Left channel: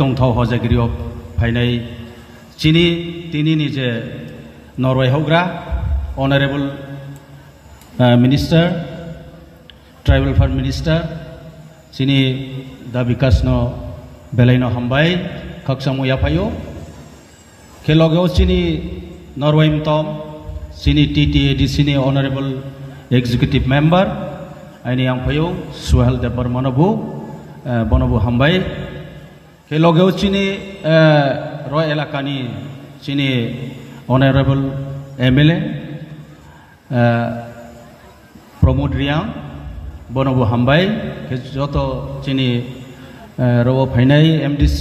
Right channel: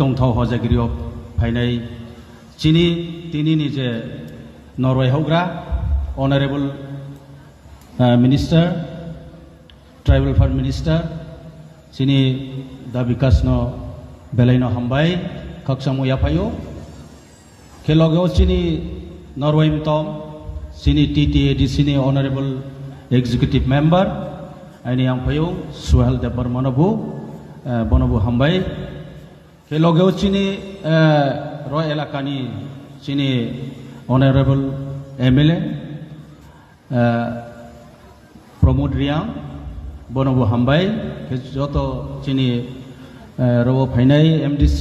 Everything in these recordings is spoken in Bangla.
tongthau hojagiriyo phainai chini tinini je Norway hogra honorable minister tribal affairs minister chini da bikasno belaino hambai khaksamu yaphayo kelogeo chini Norway mtom chini TTAD chini honorable executive member aini yang phayo Suhel Debar Manobu Bonobu hambai kelogeo chini Roy elakani chini honorable MLA Pramod Riang Bonobu hambai ke joto chini robo phainai MDC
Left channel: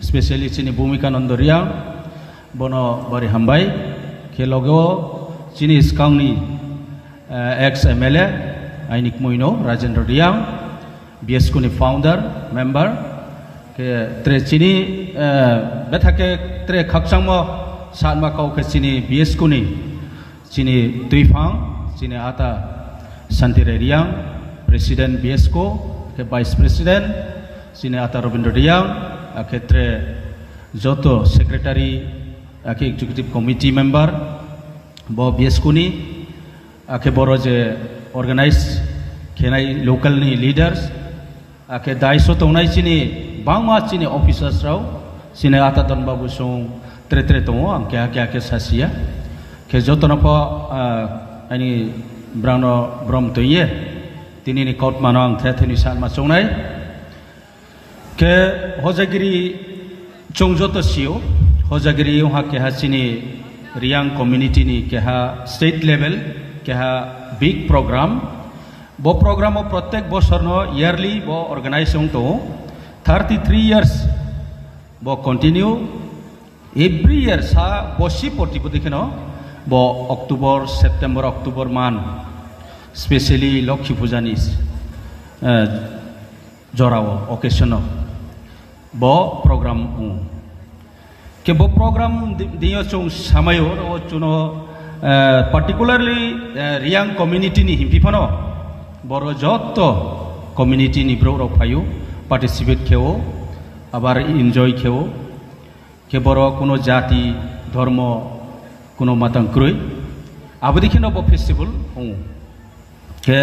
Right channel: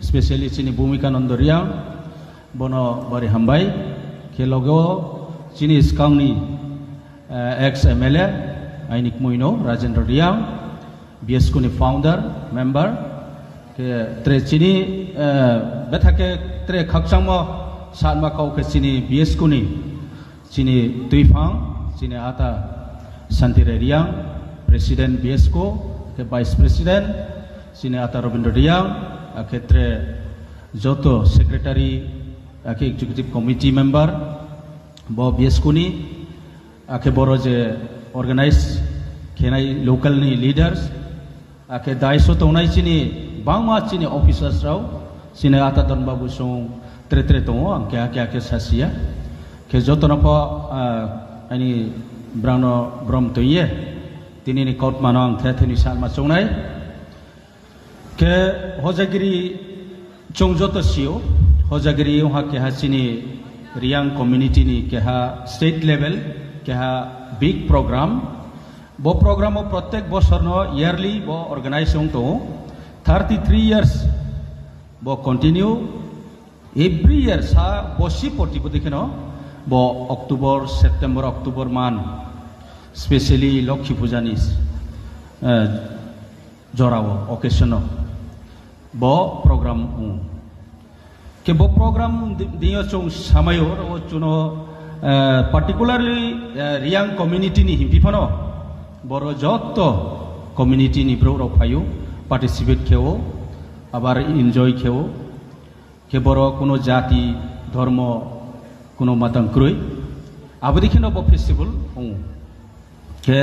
especially chini Bhumika Nando Riang bono bari hambai ke logo chini skangni ex MLA Ainik Muino Rajendra Riang BSK ni founder member ke tre chini bethake tre khaksangmo sanma kau ke chini BSK ni chini Tuifang chini ata Santire Riang president BSK ke vice president chini ata Robindra Riang ke tre joto secretary ke executive committee member bo BSK ni ke boro je organize kenai local ni leaders ke daiso tongnai chini bangma chini officers rao chini ata don babu song tre tongo angke ake sasia ke joto na po ani brano brom toye tini ni court manang thetheni san ma chongnai ke hojagiri chongjoto sio hojagiri ha ke ha chini Riang community ni ke ha state level ke ha big program bo program o pratek bosor no yearly bo organization to 33 years bo continue every year sa bosi poti bodikeno bo October September October man especially Lokhi Pujanis jorao occasion bo program ke bo program diyo chung samayo ro chuno particularly Riang community ni himpipano boro jotto community ni bro ro payu participate keo abar enjoy keo ke boro kuno jati dharma kuno matang kroi abadi kino bo festival ke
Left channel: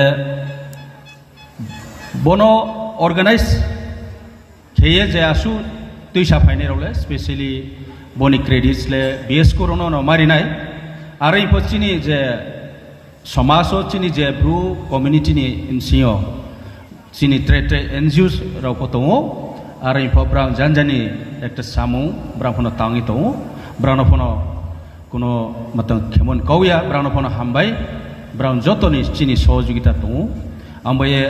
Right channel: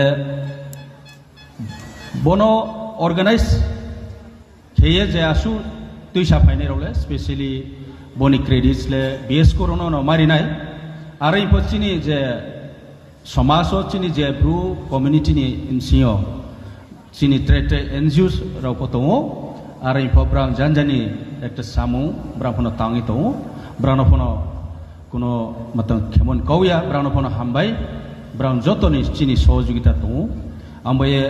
bono organize keye je asu tuisa phaine role especially boni credits le BS korono no marinai arai pochini je samaso chini je bru community ni insio chini trete NGOs rakotongo arai pobrang janjani ekta samu braphono tangi to brano phono kuno matang khemon kauya brano phono hambai brown jotoni chini sojogita to ambaye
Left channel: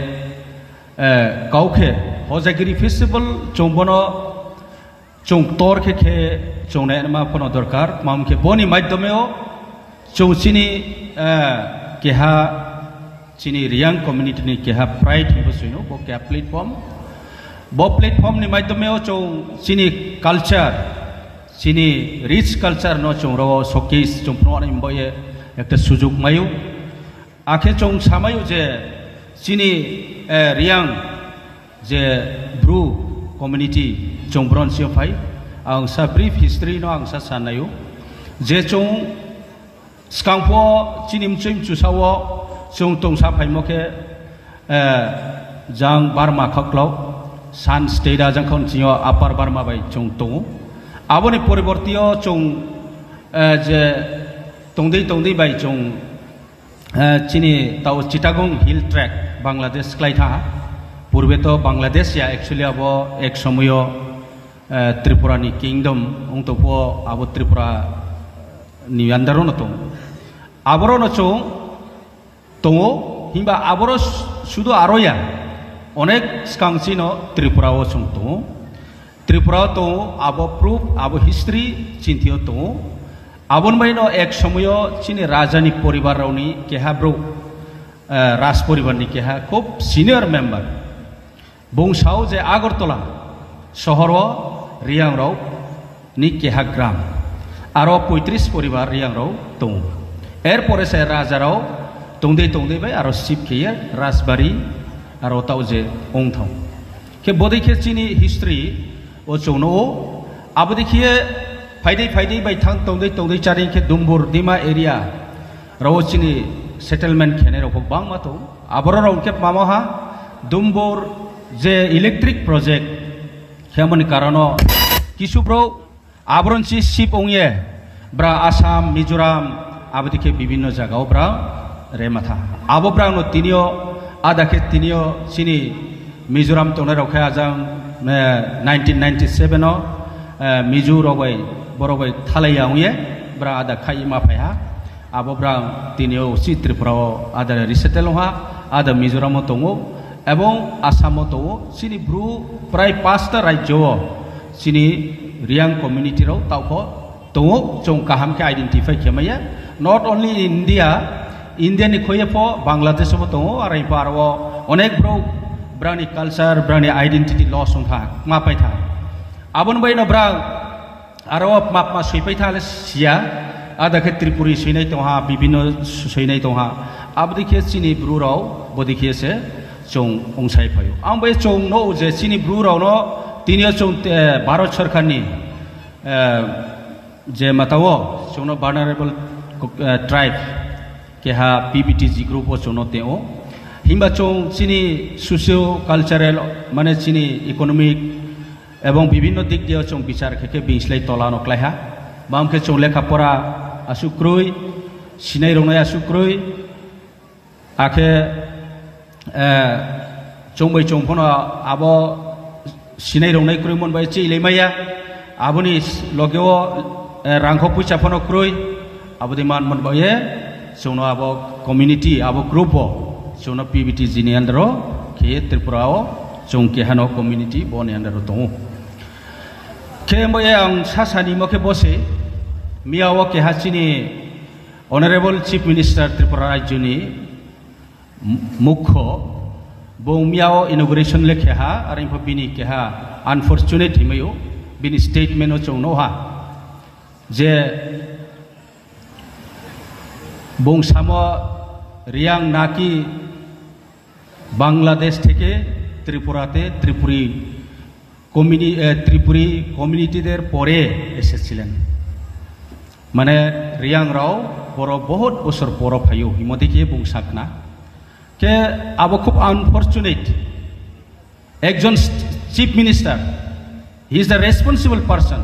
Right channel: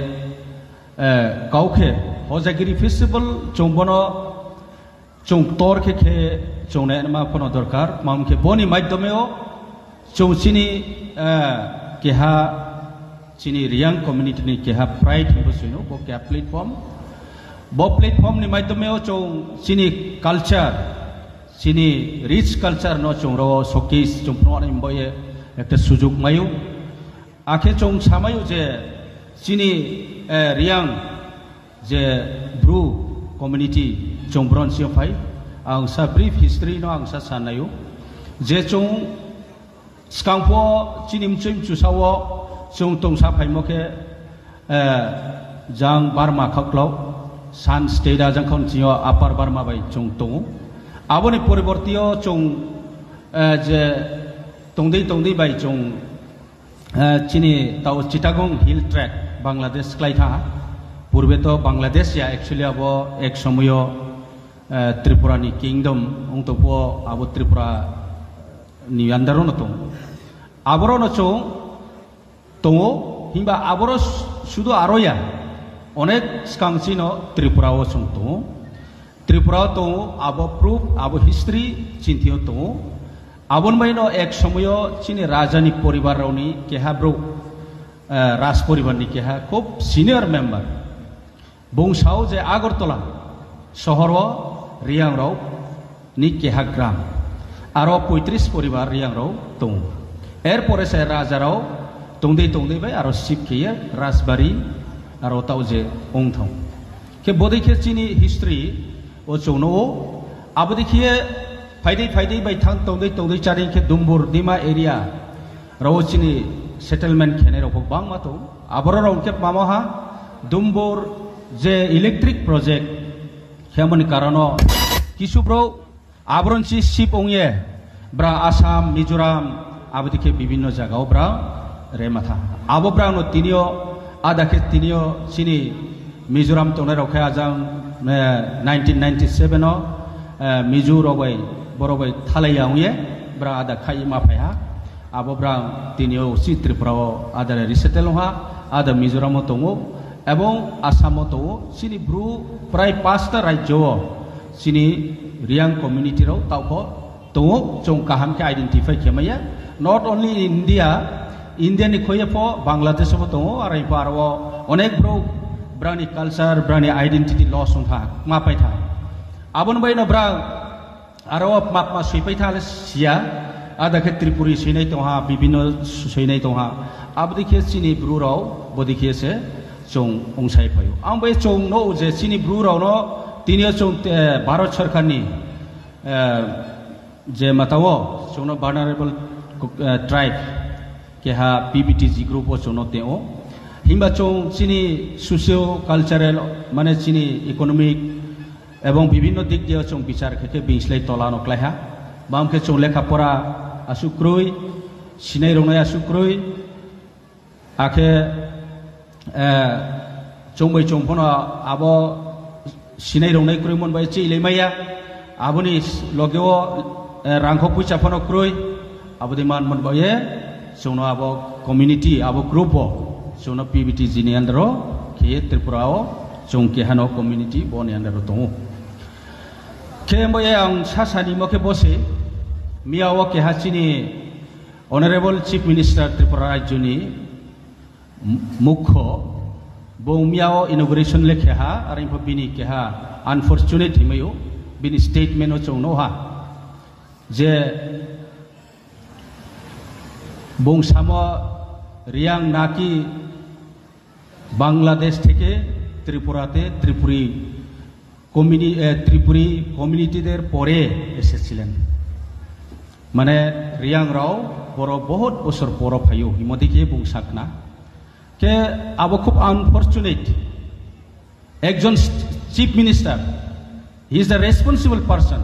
kauke hojagiri festival chombono chung tor ke chongne ma phono dorkar mamke boni maiddomeo chung chini keha chini Riang community ni keha pride hibosuino bo keha platform ni maiddomeo chung chini culture chini rich culture no chung ro showcase chung pro ni boye ekta sujug mayu akhe chung samayu je chini Riang je bru community chung bronze phai ang sa brief history no ang sa sanayo je chung skangpo chinim chim chusawo chung tong sa phai moke jang Burma khaklo san state jang khon chio upper Burma bai chung tong aboni poribortio chung je tongdei bai chung chini tau Chittagong hill track Bangladesh klaitha purbe to Bangladesh ya actually abo ek somoyo Tripura ni kingdom untuk po abo Tripura ni andaro no to aboro no chung tongo himba aboro sudo aroya onek skangsi no Tripura o chung to Tripura to abo proof abo history chintio to abon bai no ek somoyo chini rajani poribar rauni keha bro ras poribar ni keha খুব senior member bungsao je Agartala শহরও Riang rao ni keha gram aro 35 poribar Riang rao tong erpore se raja rao tongdei bai aro sip kiya rasbari aro tau je ongthong ke bodai ke chini history o chungno abodi khie faidai bai thang tongdai charing ke dumbur dima area rawo chini settlement khene ro bang ma to aboro ro ke mama ha dumbur je electric project khemon karano kisu bro abron chi ship ongye bra Assam Mizoram abodi ke bibhinno jagao bra rematha abo bra no tinio ada ke tinio chini Mizoram tona ro kha jang 1997 no Mizoram bai borobai thalai angye bra ada khai ma phaya abo bra tinio si Tripura ada resettle ha ada Mizoram tongo ebong Assam tongo sini bru prai 5টা রাজ্য sini riang community ro tawko tongo chong kaham ke identify khemaya not only India ni khoye po Bangladesh mo tongo arai parwo onek bro brani culture brani identity loss on tha ma pai tha abon bai no bra aro map ma sui thale sia ada ke Tripuri sinai to ha bibino sinai to ha abdi ke sini bru ro bodi ke se chong ongsai phayo am bai chong no je sini bru ro no tinio chong Bharat sarkar ni je matawo chong no vulnerable tribe ke ha PBTG group o chong no teo himba chong sini socio cultural mane sini economic এবং বিভিন্ন দিক দিয়ে চং বিচার খেকে বিংসলাই তলানো ক্লাইহা বামকে চং লেখাপড়া আসুক্রুই সিনাই রংনাই আসুক্রুই আখে চংবাই চংফন আব সিনাই রংনাই ক্রুই মনবাই চিলেমাইয়া আবনি লগেও রাংখ পয়সা ফন ক্রুই আবদি মান মনবাইয়ে চংনো আব কমিউনিটি আব গ্রুপ চংনো পিবিটি জিনি আন্ডার খেয়ে ত্রিপুরাও chong ke hano community bone andaro tongo ke moye ang sasani moke bose miawo ke hachini honorable chief minister Tripura rajyoni mukho bo miawo inauguration lekhe ha aring bini ke ha unfortunate himayo bini statement o chong no ha je bong samo riang naki Bangladesh থেকে ত্রিপুরাতে ত্রিপুরি কমিউনিটিদের পরে এসেছিলেন মানে রিয়াং রাও বড় বহুত বছর পর ফাইও হিমদিকে বুংসাক না কে আবো খুব আনফরচুনেট একজন chief minister he is the responsible person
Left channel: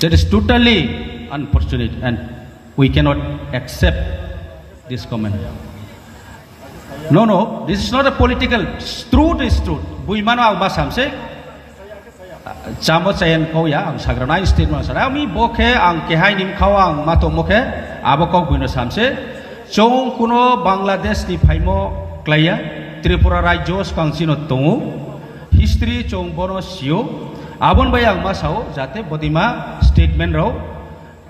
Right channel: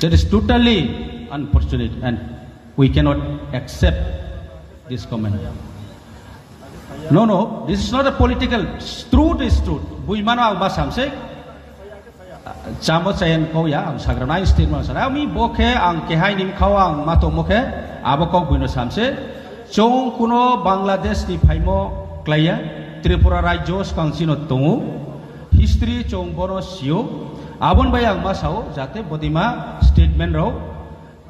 that is totally unfortunate and we cannot accept this comment No, this is not a political. Truth is truth. Buimano ang basamse. Chamo sayan ko ya ang sagrana statement sa. Ami bokhe ang kehay nim kawa ang mato mokhe abokok buino samse. Chong kuno Bangladesh ni phaimo klaya Tripura rajyo kang sino tongu history chong bono sio abon bayang masao jate bodima statement ro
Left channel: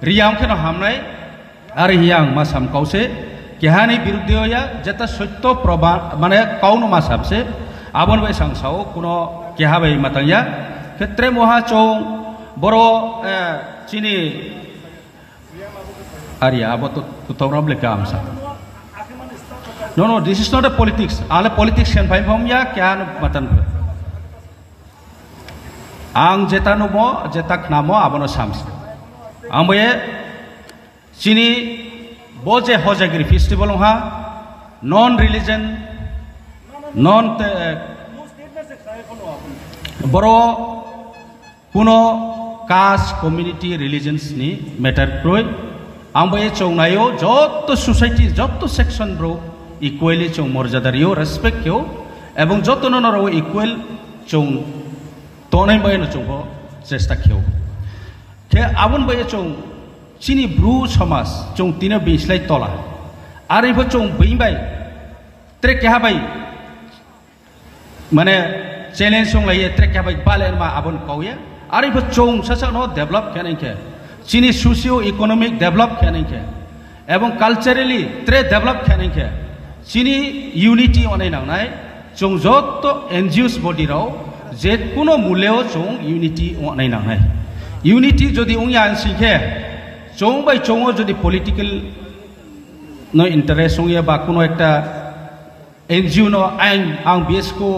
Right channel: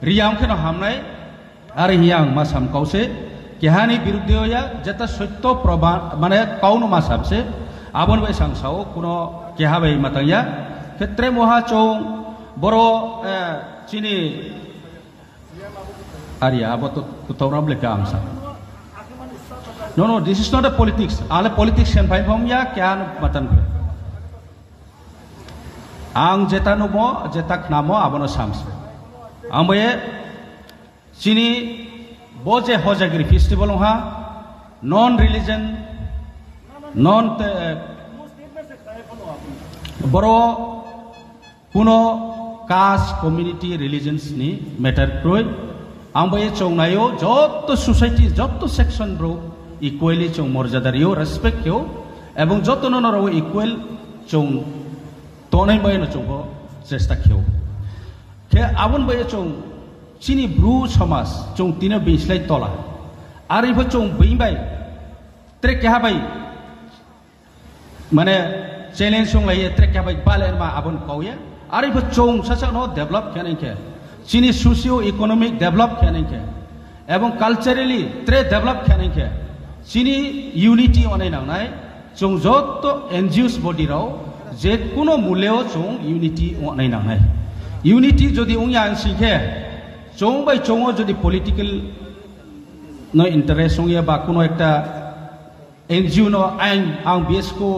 riyam ke no hamnai ar hiyang masam kause কেহানি বিরুদ্ধে হইয়া যেটা সত্য প্রমাণ মানে কাউনো মা সাবসে আবন বাই সাংসাও কোনো কেহা বাই মাতাইয়া ক্ষেত্রে মহা চৌ বড় চিনি আরিয়া আবো তো তুতরাম লেখা আমসা No, this is not a politics. Ale politics can find from ya kyan matan. Ang jetanu mo jetak namo abono sams. Ang boye sini boje hojagiri festival ha non-religion non boro kuno caste community religions ni matter kroi ang boye chongnayo jotto society jotto section bro equally chong morjadario respect kyo ebong jotto no ro equal chong tonai boye no chong chesta kyo ke abon boye chong chini bru samas chong tino bislai tola ari bo chong bimbai trek ha bai mane challenge song lai trek ha bai balen ma abon kauya ari bo chong sasa no develop kanen ke chini socio economic develop kanen ke ebong culturally tre develop kanen ke chini unity onai nangnai chong jotto NGOs body rao je kuno muleo chong unity onai nangnai unity jodi ungya ansikhe chong bai chongo jodi political no interest ongya ba kuno ekta NGO no ang BS ko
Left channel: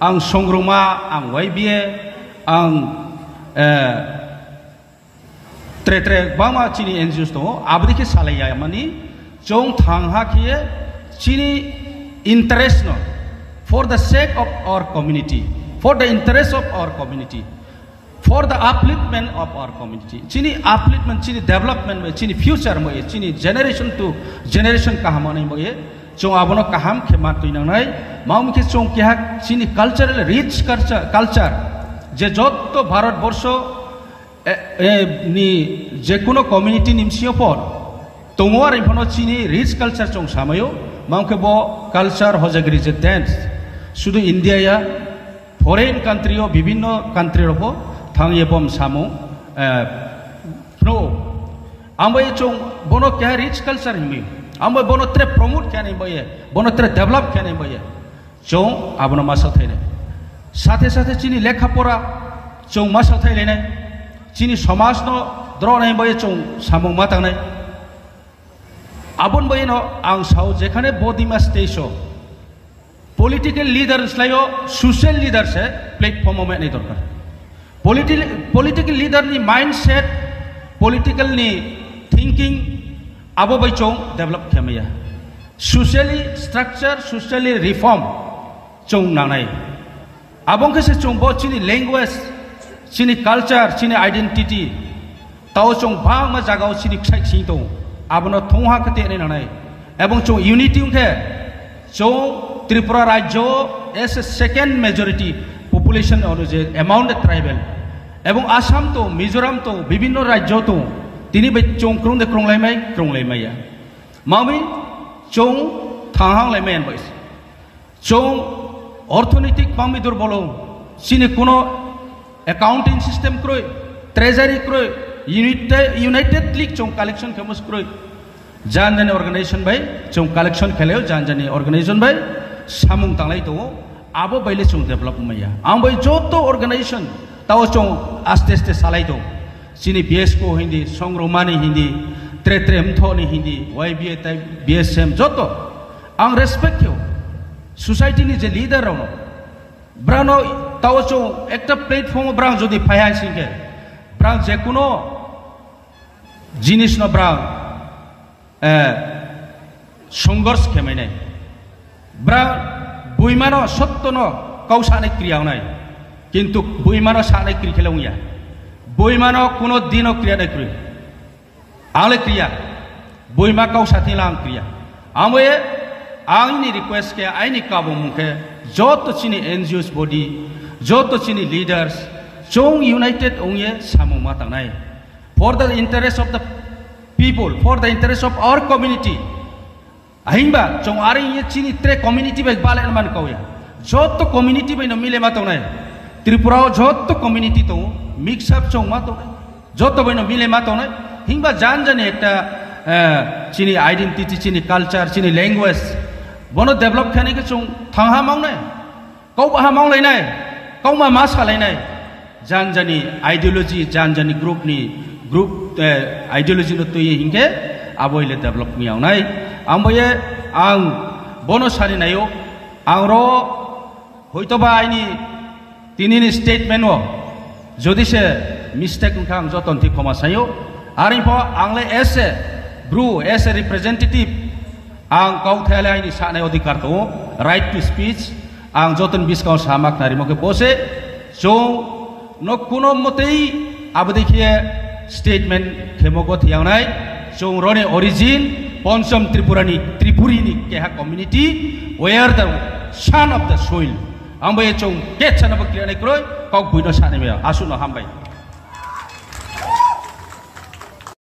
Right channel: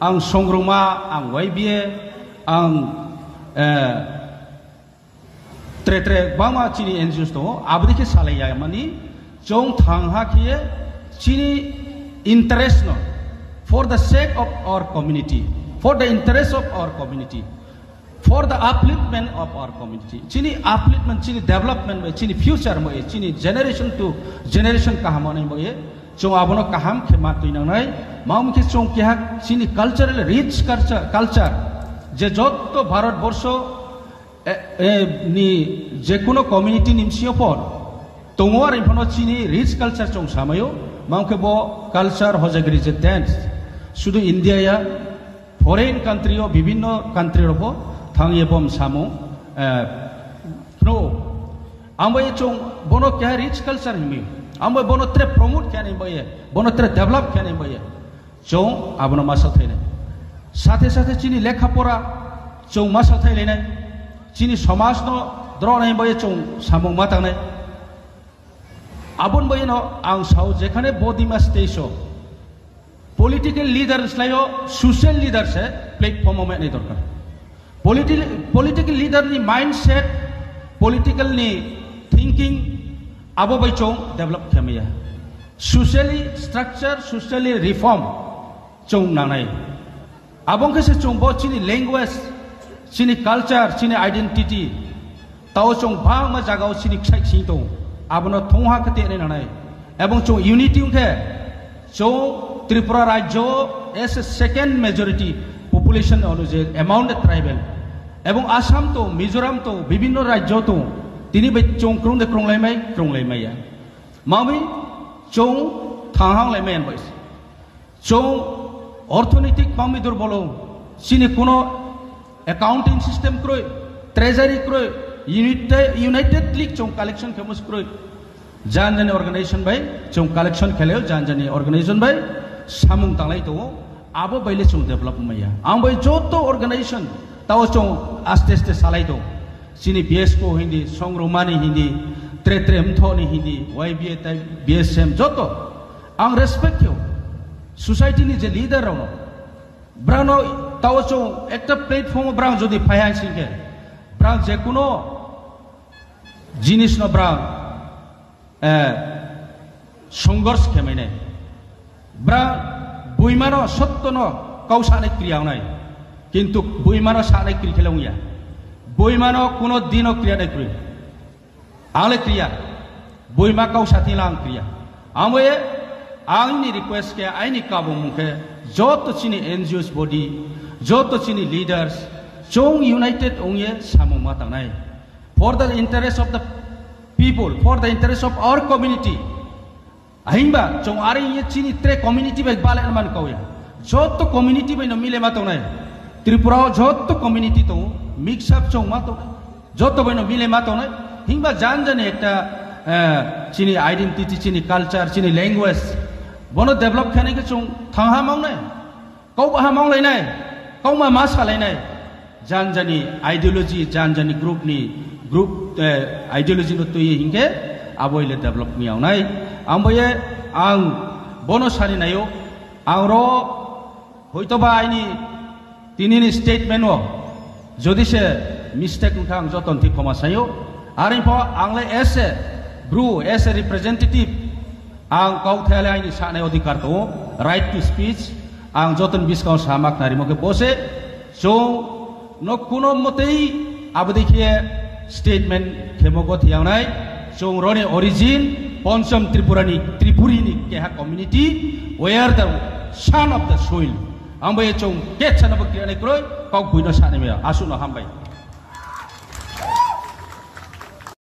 ang songruma ang YBA ang tre bama chini NGOs to abdi ke salaya mani chong thangha khie chini interest no for the sake of our community, for the interest of our community, for the upliftment of our community. Chini upliftment, chini development, chini future mo chini generation to generation kahamani mo chong abono kaham kemat tu inanai maum ke chong kya chini cultural rich culture je jotto Bharat borsho ni je kuno community nimsio por tongwar impono chini rich culture chong samayo maum ke bo culture hojagri je dance শুধু ইন্ডিয়া ফরেন কান্ট্রিও বিভিন্ন কান্ট্রির হবো থাঙিয়ে বম সামু ফ্লো আমবাই চং বনো কে রিচ কালচার হিমি আমবাই বনো ত্রে প্রমোট কেন বয়ে বনো ত্রে ডেভেলপ কেন বয়ে চং আবনো মাসা থাইনে সাথে সাথে চিনি লেখাপড়া চং মাসা থাইলে চিনি সমাজ ন দ্রনাই বয়ে চং সামু মাতাংনাই আবন বয়ে ন আং সাউ যেখানে বদিমা station political leaders layo social leaders hai platform mein nahi dorkar political leader ni mindset political ni thinking abo bai chong develop khamaya socially structure socially reform chong nanai abong ke se chong bo chini language chini culture chini identity tao chong bang ma jagao chini khai chi to abono thongha kate ne nanai ebong chong unity ke chong Tripura Rajyo as a second majority population অনুযায়ী amount of tribal এবং আসাম তো মিজোরাম তো বিভিন্ন রাজ্য তো তিনি বে চং ক্রংলাইমাই মামি চং থাংলাইমাই বইস চং অর্থনৈতিক মামি দুর্বল চিনি কোনো অ্যাকাউন্টিং সিস্টেম ক্রয় ট্রেজারি ক্রয় ইউনাইটেড লিগ চং কালেকশন ফেমাস ক্রয় জানজানি অর্গানাইজেশন ভাই চং কালেকশন খেলেও জানজানি অর্গানাইজেশন ভাই samung tanglai to abo baile chung develop maya ambai joto organization taw chung aste salai to chini BSco hindi songromani hindi tre mthoni hindi YBA tai BSM joto ang respect yo society ni je leader ro brano taw chung ekta platform brang jodi phaya singe brang je kuno jinis no brang সংঘর্ষ খেমেনে ব্রা বইমানো সত্যন কৌশানে ক্রিয়া নাই কিন্তু বইমানো সানে ক্রিয়া খেলুয়া বইমানো কোনো দিনও ক্রিয়া নাই ক্রিয়া আলে ক্রিয়া বইমা কৌশাতি লাং ক্রিয়া আমে আইনি রিকোয়েস্ট কে আইনি কাবু মুখে যত চিনি এনজিওস বডি যত চিনি লিডার্স চং ইউনাইটেড ওয়ে সামু মাতা নাই for the interest of the people for the interest of our community আহিংবা চং আরে ইয়ে চিনি ত্রে কমিউনিটি বাই বালে মান কওয়া যত কমিউনিটি বাই ন মিলে মাতো নাই ত্রিপুরাও যত কমিউনিটি তো মিক্স আপ চং মাতো যত বাই ন মিলে মাতো নাই হিংবা জানি একটা চিনি আইডেন্টিটি চিনি কালচার চিনি ল্যাঙ্গুয়েজ বনো ডেভেলপ খানে কে চং থাংহা মাংনাই কৌবা মাংলাই নাই কৌমা মা সালাই নাই জানি আইডিয়োলজি জানি গ্রুপ আইডিয়োলজি ন তুই হিংকে আবইলে ডেভেলপ মিয়াও নাই আমবয়ে আং বনো সারি নাইও আং র হয়তোবা আইনি তিনিনি স্টেটমেন্ট যদি সে মিস্টেক উনখা আং যতন ঠিক ক্ষমা চাইও আর আংলে এস এ রিপ্রেজেন্টেটিভ আং কাউথালে আইনি সানাই অধিকার তো রাইট টু স্পিচ আং যতন বিসকাও সামাক নারিমকে বসে চৌ ন কোনো মতেই আবদেখিয়ে স্টেটমেন্ট খেমগত হিয়াংনাই চৌ রনে অরিজিন পঞ্চম ত্রিপুরিনি কেহা community were the son of the soil আমবাই চৌ কে ছানাব ক্রিয়ানাই ক্রয় কক বুইনো সানেমে আসুন হামবাই